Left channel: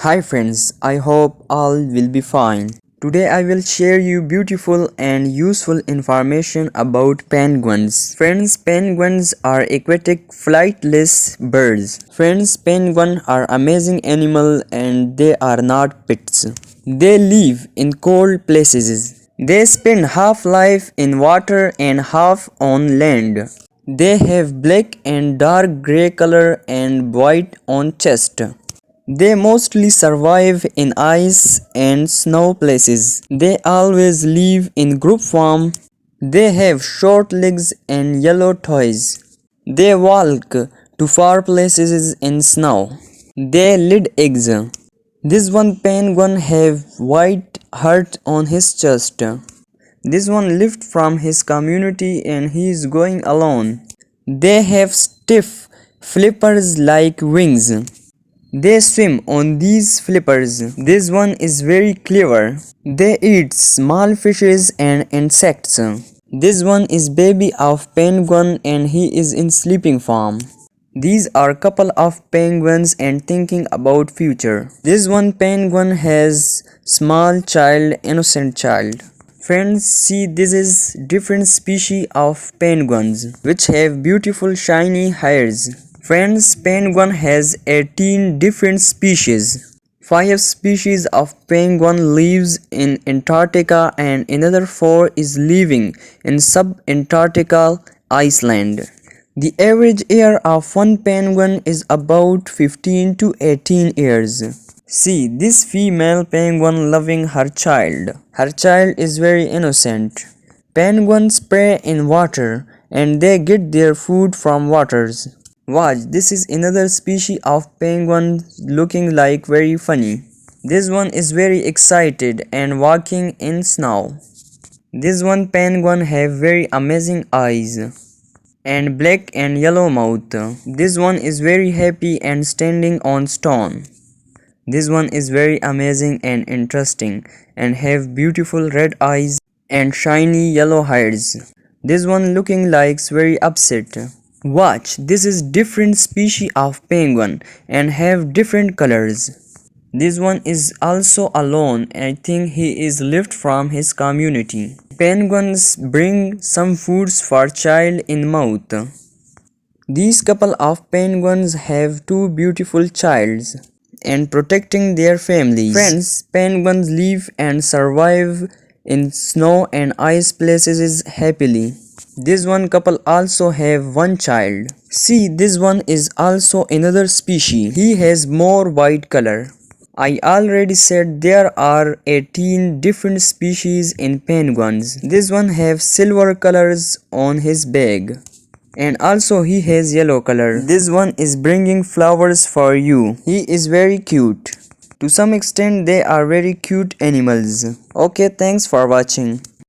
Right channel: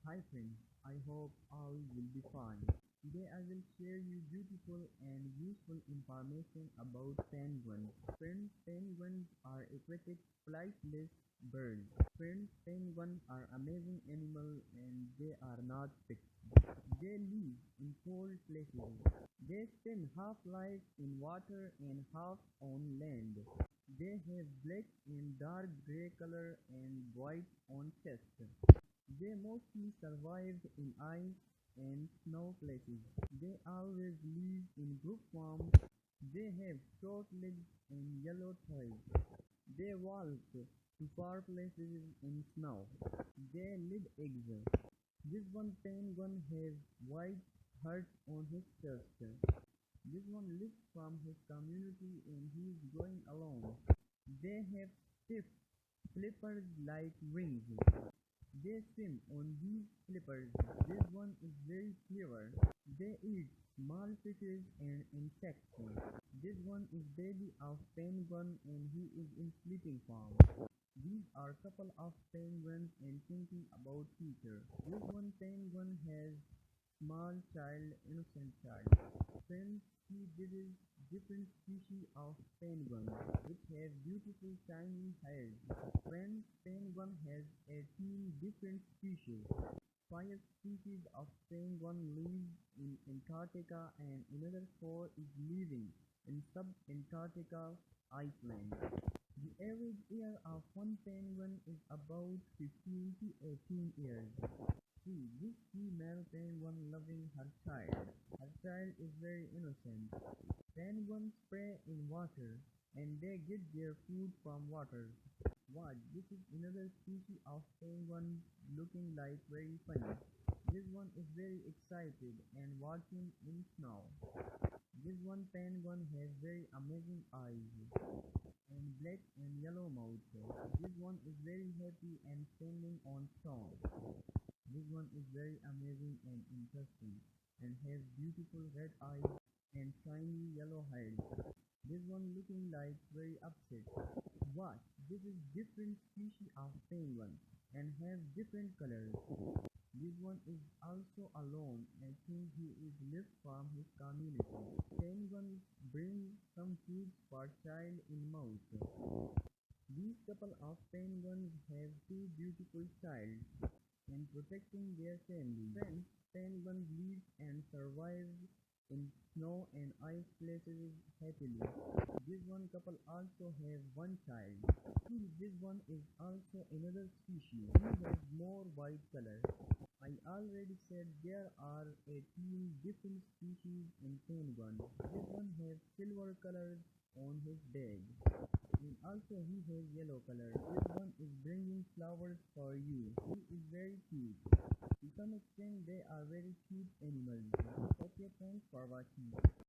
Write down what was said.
Hi friends, I hope all will be fine. Today I will share you beautiful and useful information about penguins. Friends, penguins are aquatic flightless birds. Friends, penguins are amazing animal and they are not pets. They live in cold places. They spend half life in water and half on land. They have black and dark gray color and white on chest. They mostly survive in ice and snow places. They always live in group form. They have short legs and yellow toes. They walk to far places in snow. They lay eggs. This one penguin have white heart on his chest. This one left from his community and he is going alone. They have stiff flippers like wings. They swim on these flippers. This one is very clever. They eat small fishes and insects. This one is baby of penguin and he is in sleeping form. These are couple of penguins and thinking about future. This one penguin has small child, innocent child. Friends, see, this is different species of penguins which have beautiful shiny hairs. Friends, penguin has 18 different species. 5 species of penguin lives in Antarctica and another 4 is living in sub-Antarctica Iceland. The average age of one penguin is about 15 to 18 years. See, this female penguin loving her child. Her child is very innocent. Penguins prey in water and they get their food from waters. Watch, this is another species of penguin looking like very funny. This one is very excited and walking in snow. This one penguin have very amazing eyes and black and yellow mouth. This one is very happy and standing on stone. This one is very amazing and interesting and have beautiful red eyes and shiny yellow hairs. This one looking likes very upset. Watch, this is different species of penguin and have different colors. This one is also alone and I think he is left from his community. Penguins bring some foods for child in mouth. These couple of penguins have two beautiful childs and protecting their families. Friends, penguins live and survive in snow and ice places happily. This one couple also have one child. See, this one is also another species. He has more white color. I already said there are 18 different species in penguins. This one have silver colors on his back. And also he has yellow color. This one is bringing flowers for you. He is very cute. To some extent they are very cute animals. Okay, thanks for watching.